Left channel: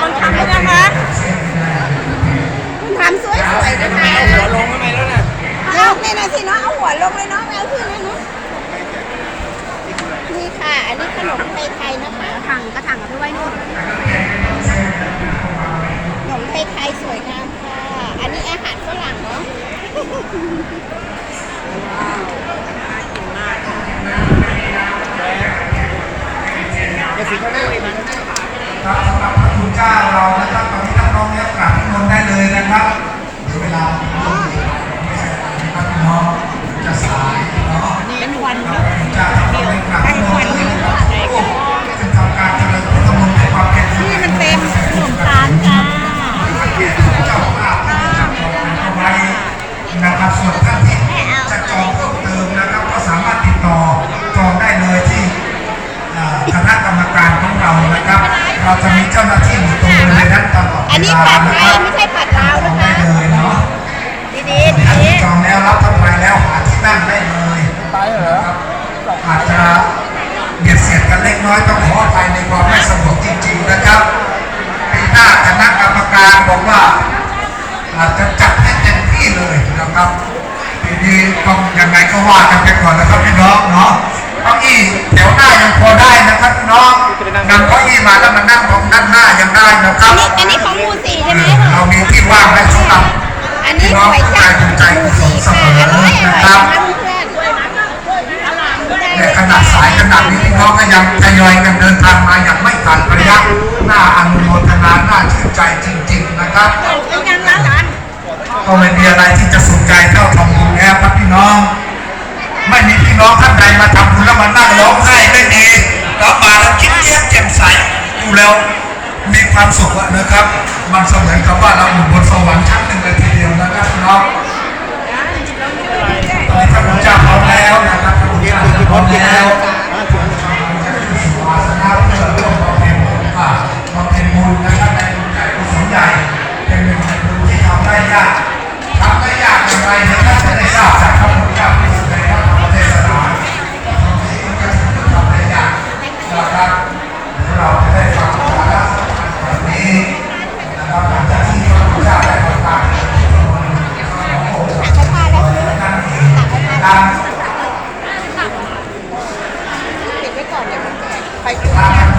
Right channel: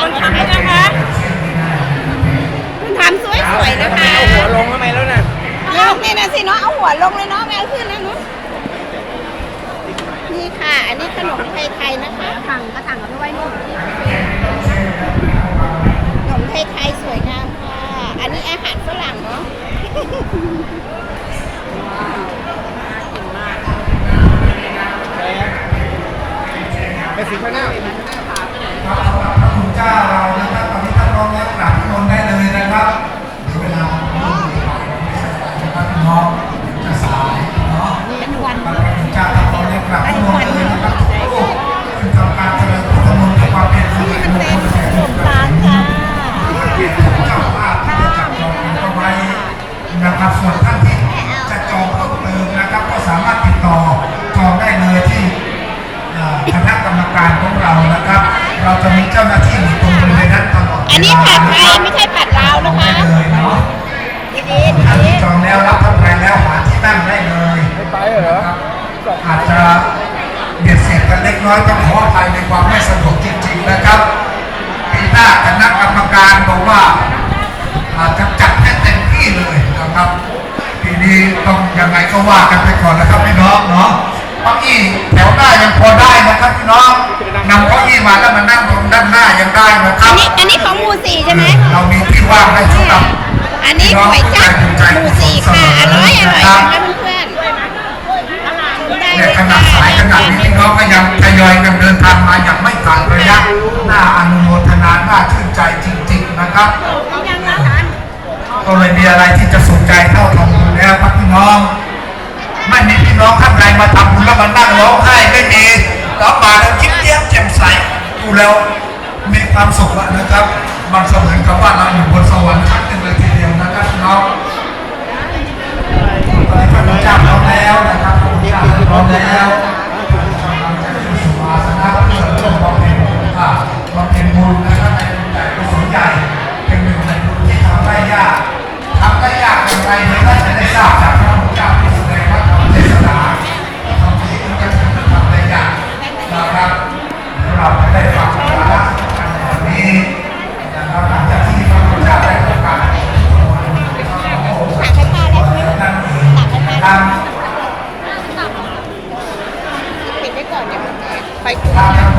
คนทำด้วยนะคะคุณทำสวยๆนะคะหัวลงทำไมแล้วน่ะลงนี่นะสิเนาะเอาหัวลงเลยเนาะไม่เอาขึ้นนะเนาะนี่ค่ะ อันนี้ขนมไทยๆนะคะถังกระถังเอาไปไว้นู่นขนมไทยๆสวยงามค่ะ อันนี้อาหารฝรั่งเนาะ รรมการของเรานะครับ เราจะมีเจ้าหน้าที่อยู่ตรงบริเวณนั้นตลอดอันนี้ผัดไทยไม่ใช่ผัดลาวนะคะได้เลยเนาะดีๆท่านดีที่จองแล้วรับทำไปแล้วหาที่นั่งได้เลยไปเหรออาจจะเบียดเสียดกันเล็กน้อยต้องขออภัยในความไม่สะดวกจริง ๆนะครับปีหน้าคณะกรรมการบอกว่าอาจจะจัดให้เต็มที่เลยนะครับปีนี้ต้องยังไงก็ว่ากันไปก่อนนะครับพี่น้องเนาะเก้าอี้แถวหน้ายังพอได้ นะครับพี่น้องนำเก้าอี้มาแล้วมานั่งตรงด้านหน้ายังได้นะคๆรัอันบนี้อันนี้ของหมูสี่ใช่ไหมเรามีที่ว่างให้สำหรับอันนี้ก๋วยจั๊บหมูสี่ค่ะอร่อยอร่อยนะคะเพื่อนๆได้ในเลยขค่ะณะสายขนาดนี้พี่น้องก็ยังทยอยกันเดินทางมาอย่างไม่ขาดระยะน่าอนุโมทนาน่าชื่นใจจริง ๆนะครับ ก็ไม่มีอะไรที่จะสุขใจเท่าทำบุญแล้วครับพี่น้อง ไม่มีพี่น้องท่านใดมาทำบุญแล้วมานั่งร้องไห้ไม่มี ก็มาแล้วยิ้มแย้มแจ่มใสดูแล้วมีความสุขนะครับ มันเสมือนกับว่าเราอยู่บนสวรรค์ชั้นหนึ่งเลยทีเดียวนะครับน้องตอนนี้พระพุทธเจ้าพร้อมแล้วนะครับพระพุทธเจ้าพร้อมแล้วอาสนะเพื่อร่วมบำเพ็ญว่าบำเพ็นะครับในบุญใหญ่กุศลใหญ่เป็นหนึ่งในบุญที่ทำได้ยากทำได้ยากอย่างไรเนี่ยน่าจะได้ทราบ